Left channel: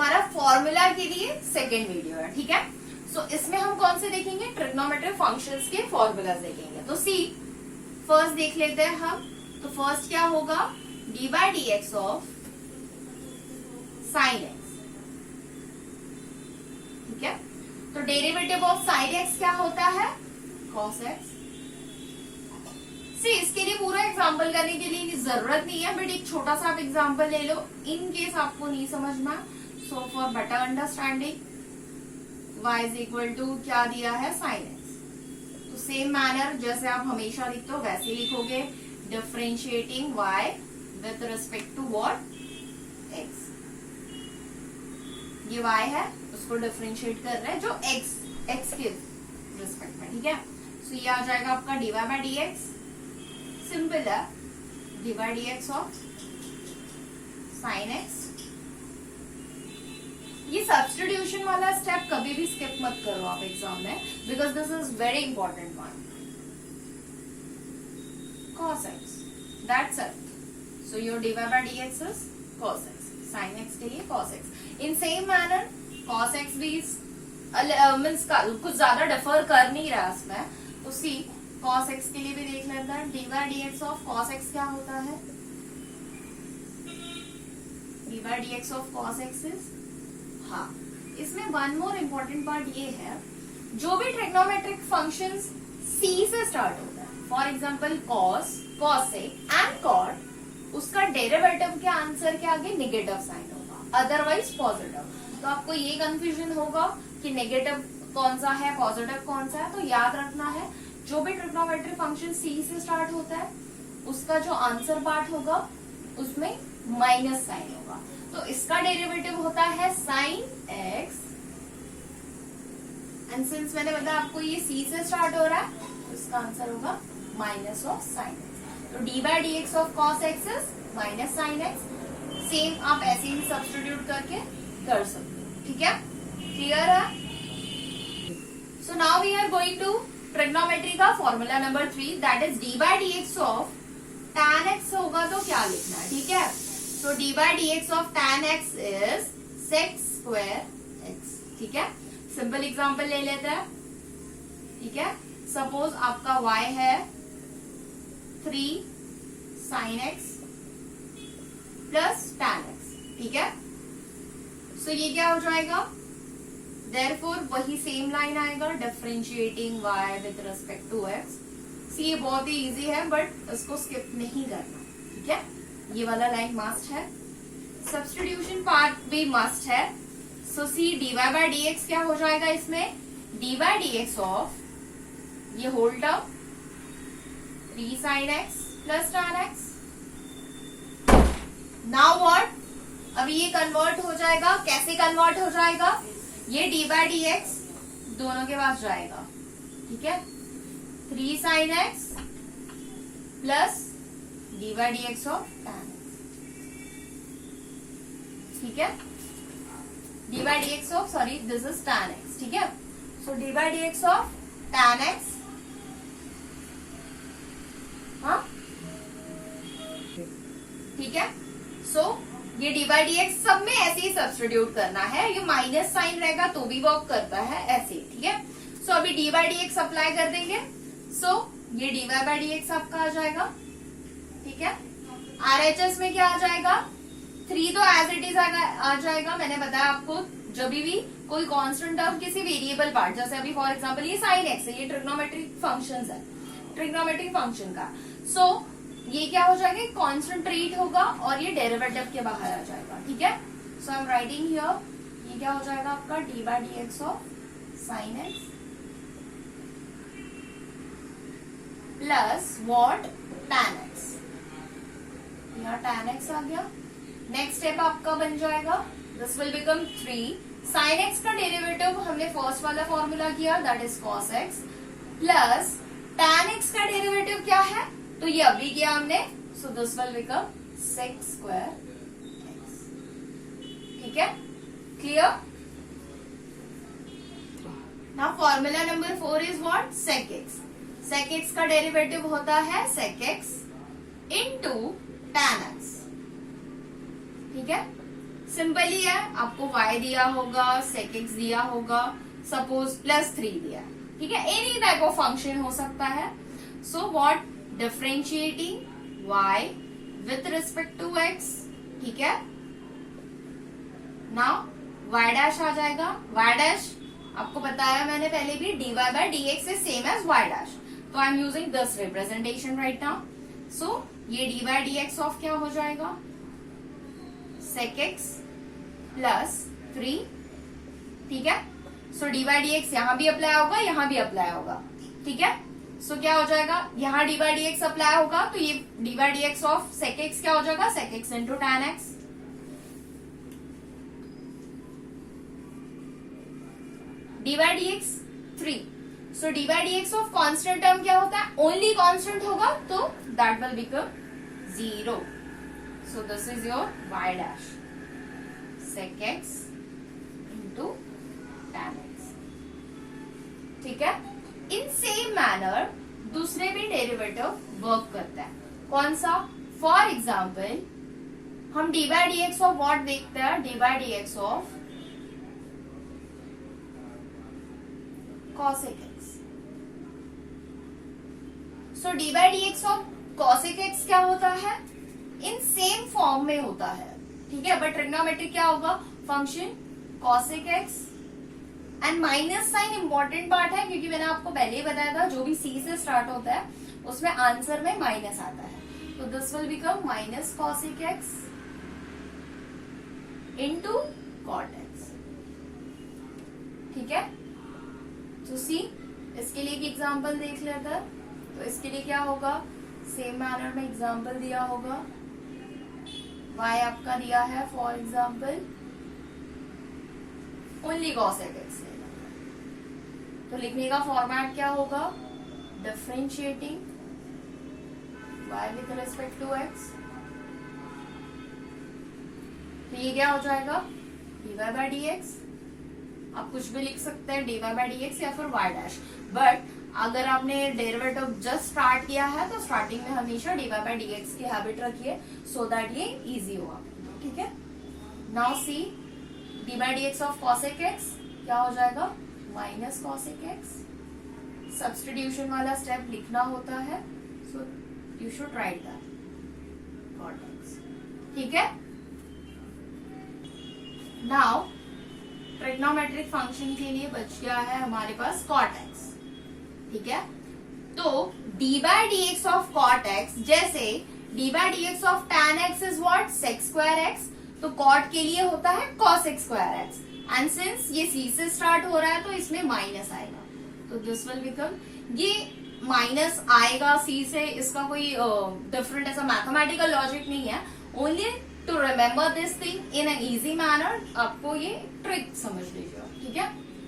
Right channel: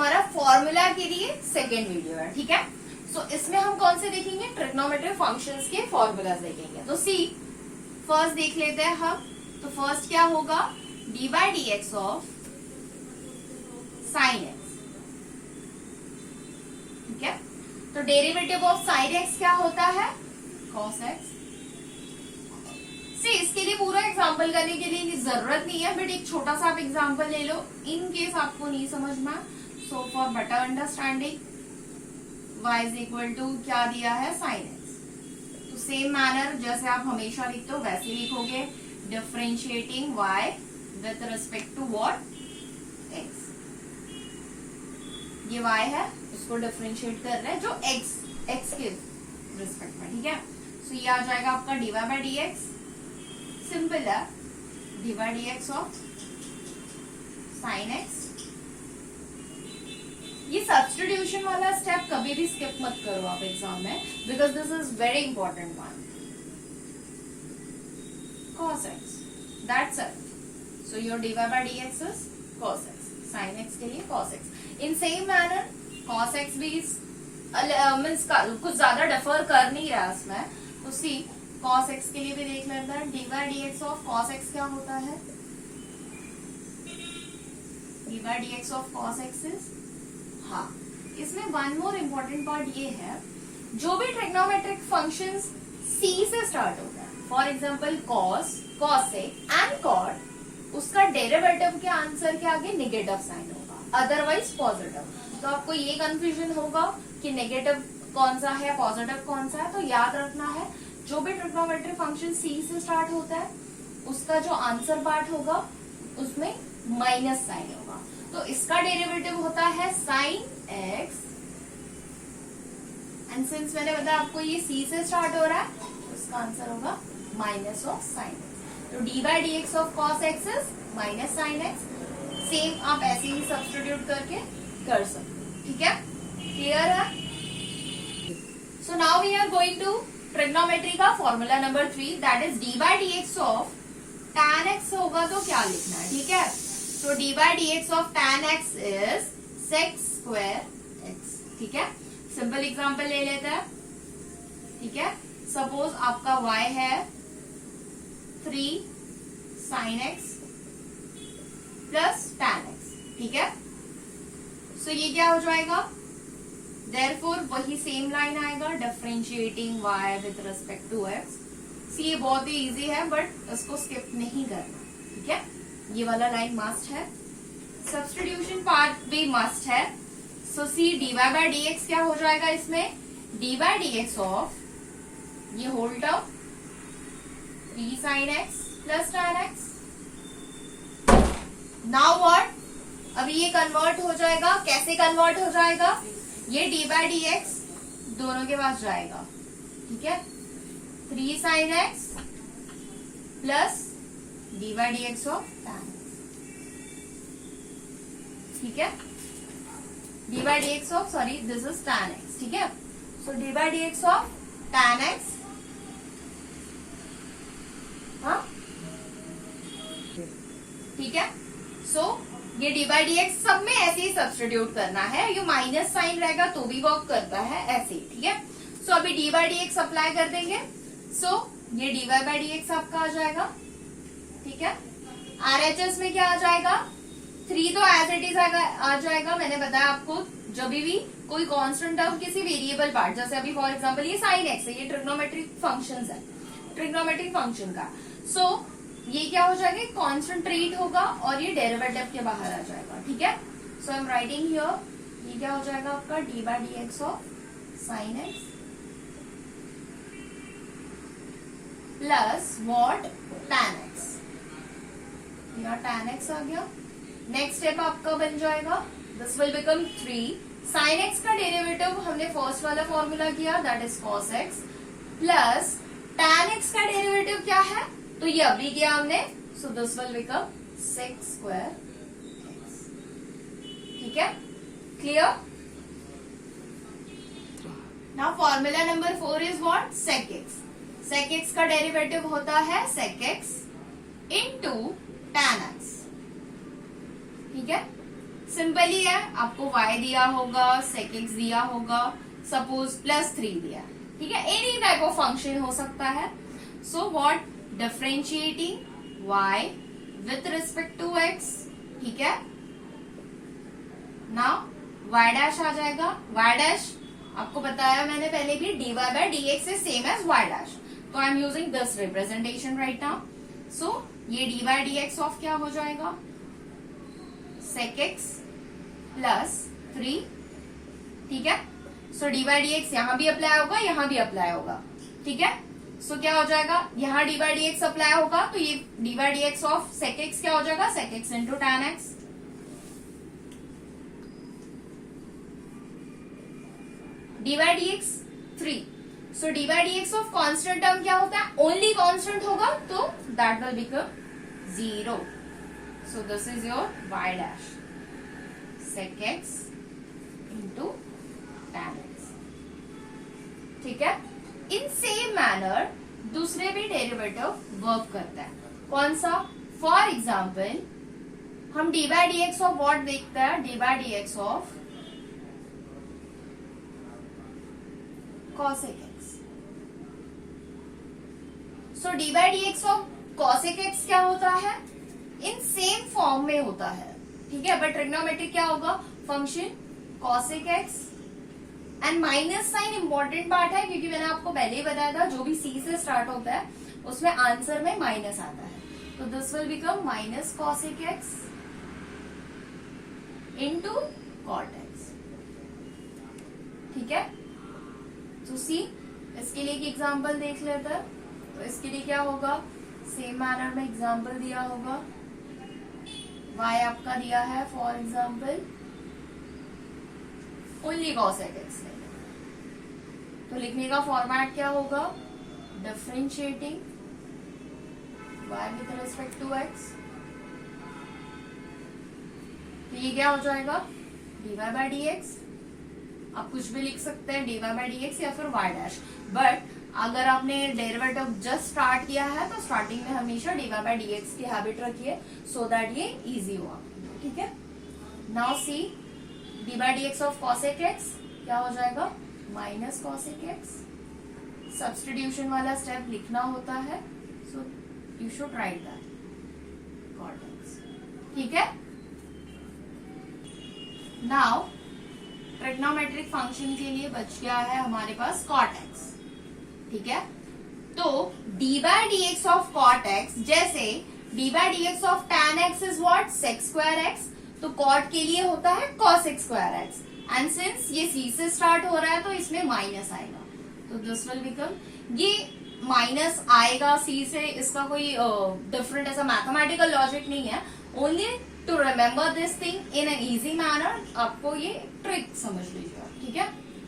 हमारा फॉर्मूला के लिए सेकेंड वीडियो है, ठीक है। सो इसमें हम कौन से देखेंगे, ट्रिग्नोमेट्रिक फंक्शंस के फॉर्मूला देखेंगे। तो सी फर्स्ट देख लेते हैं हम। तो फर्स्ट क्या होगा, D by d x of sine x, ठीक है। तो डेरिवेटिव ऑफ साइन एक्स क्या होता है, कॉस एक्स। सी इसके लिए पूरा एग्जाम्पल करने के लिए जरूरत नहीं है, बट एक छोटा सा आप एग्जाम्पल ले लो इन केस आपको नहीं समझ में। So for better understanding y is equal to क्या दिया है, साइन एक्स। तो सेम मैनर जैसे आप हमेशा लिखते हो वैसे लिखोगे, differentiating y with respect to what, x। ये y है, उसको डिफरेंशिएट कर रहे हैं जो x के रिस्पेक्ट में, ठीक है। सो ये आ जाएगा आपका dy by d x, simple है, dy by d x of sine x. ये सब्स्टिट्यूशन वाला स्टेप कभी भी स्किप मत करो आप एग्जाम में, because this is very important one. cos x, that's it. So your dy by dx is cos x, sin x के लिए cos x. In same manner cos x भी मीन्स कुछ ज्यादा डिफर कर नहीं रहा इसमें, तो सी cos x के लिए भी देख लेते हैं। dy by dx of cos x क्या होता है, dy by dx of cos x is, हाँ इसमें वन मोर इम्पोर्टेंट पार्ट ये है, जो भी ट्रिग्नोमेट्रिक फंक्शंस C से स्टार्ट होता है, for example cos, cosec and cot, उसका डेरिवेटिव के आंसर के आगे नेगेटिव साइन होगा, अदरवाइज पॉजिटिव। तो आपको ये कंफ्यूजन होगा कि नेगेटिव कौन सा है, पॉजिटिव कौन सा है। तो याद रखना है जो भी ट्रिग्नोमेट्रिक फंक्शन C से स्टार्ट होता है उसका जो आंसर पार्ट होगा उसमें माइनस साइन होगा। तो इसका डेरिवेटिव होता है साइन एक्स, एंड सिंस मैंने बताया आपको ये C से स्टार्ट हो रहा है, तो इसका आंसर होगा माइनस ऑफ साइन एक्स। तो D by d x of cos x is minus sine x. Same आप ऐसे ही सब्स्टिट्यूट करके कर सकते हो, ठीक है, क्लियर है। So now we are going to trigonometry का formula number 3, that is d by d x of tan x होगा तो क्या लिखना है, ठीक है। So d by dx of tan x is sec square x, ठीक है। सिंपल एग्जांपल ले लेते हैं, ठीक है। सपोज आपका y है 3 sin x plus tan x, ठीक है। सो ये क्या हो जाएगा, देयरफॉर वही सेम लाइन आएगा, differentiating y with respect to x। See ये बहुत ही इजी है बट इसको स्किप नहीं करना, ठीक है। ये वाला लाइन मस्ट है, सब्स्टिट्यूशन पार्ट भी मस्ट है। So see d y by d x क्या हो जाएगा इसमें, d by d x of ये whole term 3 sin x plus tan x। Now what, अभी ये कन्वर्ट हो जाएगा, कैसे कन्वर्ट हो जाएगा, ये डी बाई डी एक्स दोनों के पास जाएगा, ठीक है। 3 sin x plus d by d x of tan x, ठीक है। D by d x of, sorry this is tan x, ठीक है। So d by d x of tan x, हाँ ठीक है। सो ये डी बाई डी एक्स सब में ऐसे ही सब्स्टिट्यूट करना है, ये माइनस साइन रहेगा तो भी वर्क करता है ऐसे ही, ठीक है। सो अभी d by d x apply कर देंगे। सो ये d y by d x आपका आ जाएगा, ठीक है। RHS में क्या आ जाएगा, 3 तो एज इट इज आ जाएगा। मैंने बताया आपको जब भी कोई कांस्टेंट टर्म किसी वेरिएबल पार्ट, जैसे अभी फॉर एग्जांपल ये साइन एक्स है, ये ट्रिग्नोमेट्रिक फंक्शंस है, ट्रिग्नोमेट्रिक फंक्शन का। सो ये क्या हो जाएगा, कांस्टेंट ट्रीट होगा और ये डेरिवेटिव के बाहर आ जाएगा, ठीक है। सो आई एम राइटिंग हियर, ये क्या हो जाएगा आपका D by d x of sine x plus what, tan x। यहाँ tan x आ गया। नेक्स्ट स्टेप आपका बन जाएगा, this will become 3 sin x का डेरिवेटिव हमने फर्स्ट वाला फॉर्मूला किया, that is cos x plus tan x का डेरिवेटिव क्या है, तो ये अभी किया हमने, सो this will become sec square x, ठीक है, clear. Now formula number 4 is what, sec x। sec x का डेरिवेटिव होता है sec x into tan x, ठीक है। सिंपल ही है, आपको y दिया होगा, sec x दिया होगा, सपोज +3 दिया, ठीक है, एनी टाइप ऑफ फंक्शन हो सकता है. So what, differentiating y with respect to x, ठीक है. नाउ y डैश आ जाएगा. y डैश आपको बताया मैंने पहले भी, dy by dx is same as y dash, तो I am using this representation right now. So ये dy dx ऑफ क्या हो जाएगा, sec x +3, ठीक है. सो dy dx यहां भी अप्लाई होगा, यहां भी अप्लाई होगा, ठीक है. सो क्या हो जाएगा, यहां dy dx अप्लाई होगा तो ये dy dx of sec x क्या हो जाएगा, sec x into tan x. dy dx 3. So dy dx of constant term क्या होता है, ओनली कांस्टेंट होगा तो that will become 0. So this is your y dash sec x into tan x, ठीक है. इन सेम मैनर दूसरे भी derivative work करता है. कौन सा, फॉर एग्जाम्पल हम dy dx ऑफ व्हाट देखते हैं, dy dx of cosec x. So dy dx of cosec x क्या होता है, इन सेम फॉर्म में होता है, ठीक है. बट ट्रिग्नोमेट्रिक क्या होगा, function cosec x and minus sine important part है, क्योंकि मैंने आपको पहले ही बताया था जो भी c से स्टार्ट होता है उसमें आंसर में माइनस आता है. तो this will become minus cosec x into cot x, ठीक है. तो सी, इसके लिए एक एग्जाम्पल देख लेते हैं. तो इसके लिए क्या होगा, सेम मैनर में एग्जाम्पल दिया होगा, y आपका दिया है for example only cosec x ले लेते हैं. तो लिखने का फॉर्मेट क्या होगा, differentiating y with respect to x. तो ये क्या हो जाएगा, dy by dx, आप कुछ भी लिख सकते हैं, dy by dx या फिर y डैश. बट अगर आपने डेरिवेटिव जस्ट स्टार्ट किया है तो स्टार्टिंग में हमेशा dy by dx की हैबिट रखिए, सो दैट ये इजी हो आपके लिए, ठीक है. Now see, dy by dx of cosec x क्या हो जाएगा, माइनस cosec x. सब्स्टिट्यूशन वाला स्टेप लिखना होता है, so you should write that, cot x, ठीक है. नाउ ट्रिग्नोमेट्रिक फंक्शन के लिए बच गया है हमारे पास cot x, ठीक है. तो dy by dx of cot x, जैसे dy by dx of tan x is what, sec square x, तो cot के लिए होता है cosec square x. And since ये c से स्टार्ट हो रहा है तो इसमें माइनस आएगा, तो दिस विल बिकम, ये माइनस आएगा c से, इसका कोई डिफरेंट ऐसा मैथमेटिकल लॉजिक नहीं है, only to remember this thing in an easy manner, आपको ये ट्रिक समझ लीजिए, ठीक है.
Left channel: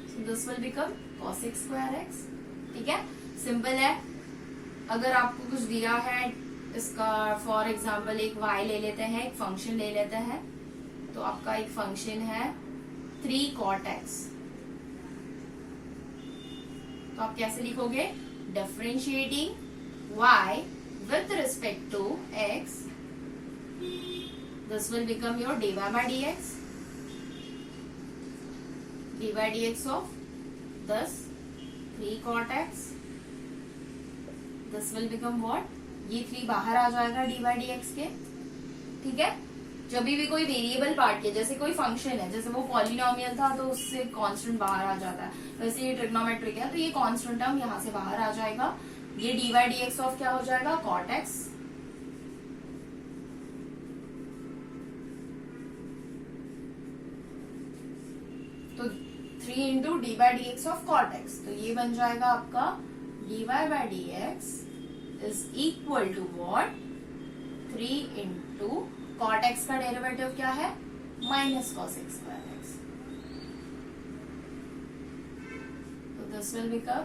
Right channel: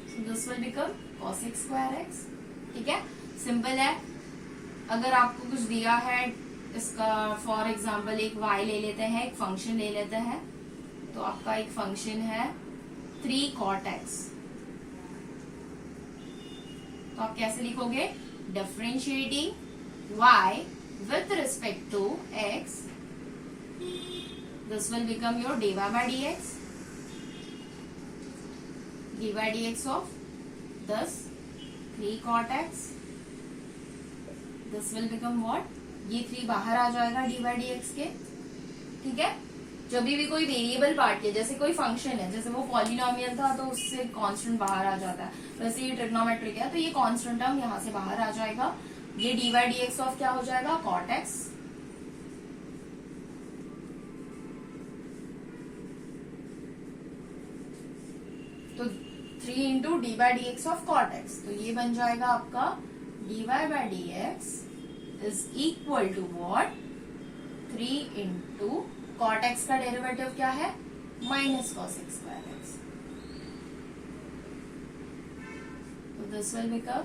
So this will become cosec square x, ठीक है. सिंपल है. अगर आपको कुछ दिया है, इसका फॉर एग्जाम्पल एक y ले लेते हैं, एक फंक्शन ले लेते हैं, तो आपका एक फंक्शन है 3 cot x, तो आप कैसे लिखोगे, differentiating y with respect to x, this will become your dy by dx, dy by dx of thus 3 cot x, this will become what, ये 3 बाहर आ जाएगा dy by dx के, ठीक है. जब भी कोई वेरिएबल पार्ट के, जैसे कोई फंक्शन है, जैसे वो पॉलिनोमियल था तो उससे कांस्टेंट बाहर आ जाता है, वैसे ये ट्रिग्नोमेट्रिक है तो ये कांस्टेंट टर्म यहां से बाहर आ जाएगा, ये dy by dx ऑफ क्या हो जाएगा, cot x. तो 3 into d by d x of cot x, तो ये बन जाएगा आपका dy by dx is equal to what, 3 into cot x का डेरिवेटिव क्या है, माइनस cosec square x. तो दिस विल बिकम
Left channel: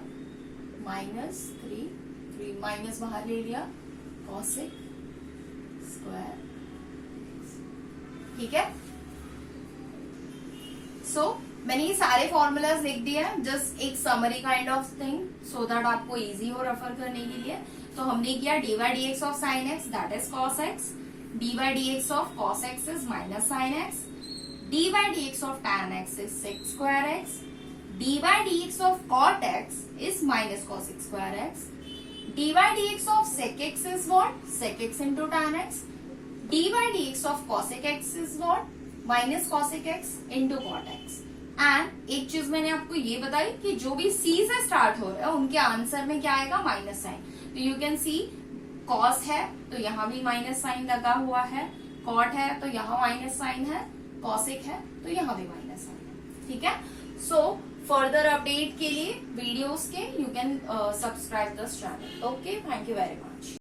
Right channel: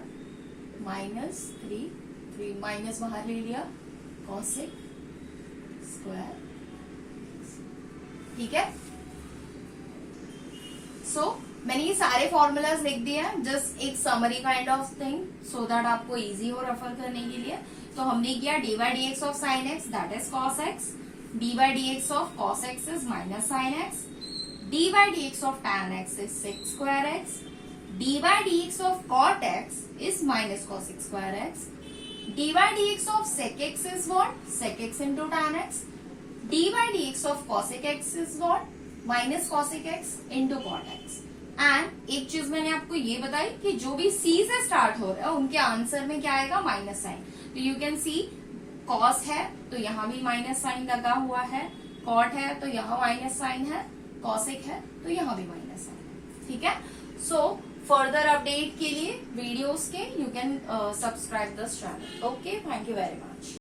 -3 माइनस बाहर ले लिया, cosec square x, ठीक है. सो मैंने ये सारे फॉर्मूलाज लिख दिए हैं, जस्ट एक summary kind of thing, so that आपको इजी हो रेफर करने के लिए. तो हमने किया D by d x of sine x that is cos x, D by d x of cos x is minus sine x, d by dx of tan x is sec square x, d by dx of cot x is minus cosec square x, d by dx of sec x is what? Sec x into tan x, d by dx of cosec x is what? Minus cosec x into cot x. And एक चीज मैंने आपको ये बताई कि जो भी सी से स्टार्ट हो रहा है उनके आंसर में क्या आएगा? Minus sine. तो यू कैन सी कॉस है तो यहाँ भी माइनस साइन लगा हुआ है, कॉट है तो यहाँ माइनस साइन है, कॉसेक है तो यहाँ भी माइनस साइन है. ठीक है. सो फर्दर अपडेट के लिए वीडियोस के you can subscribe this channel. Okay, thank you very much.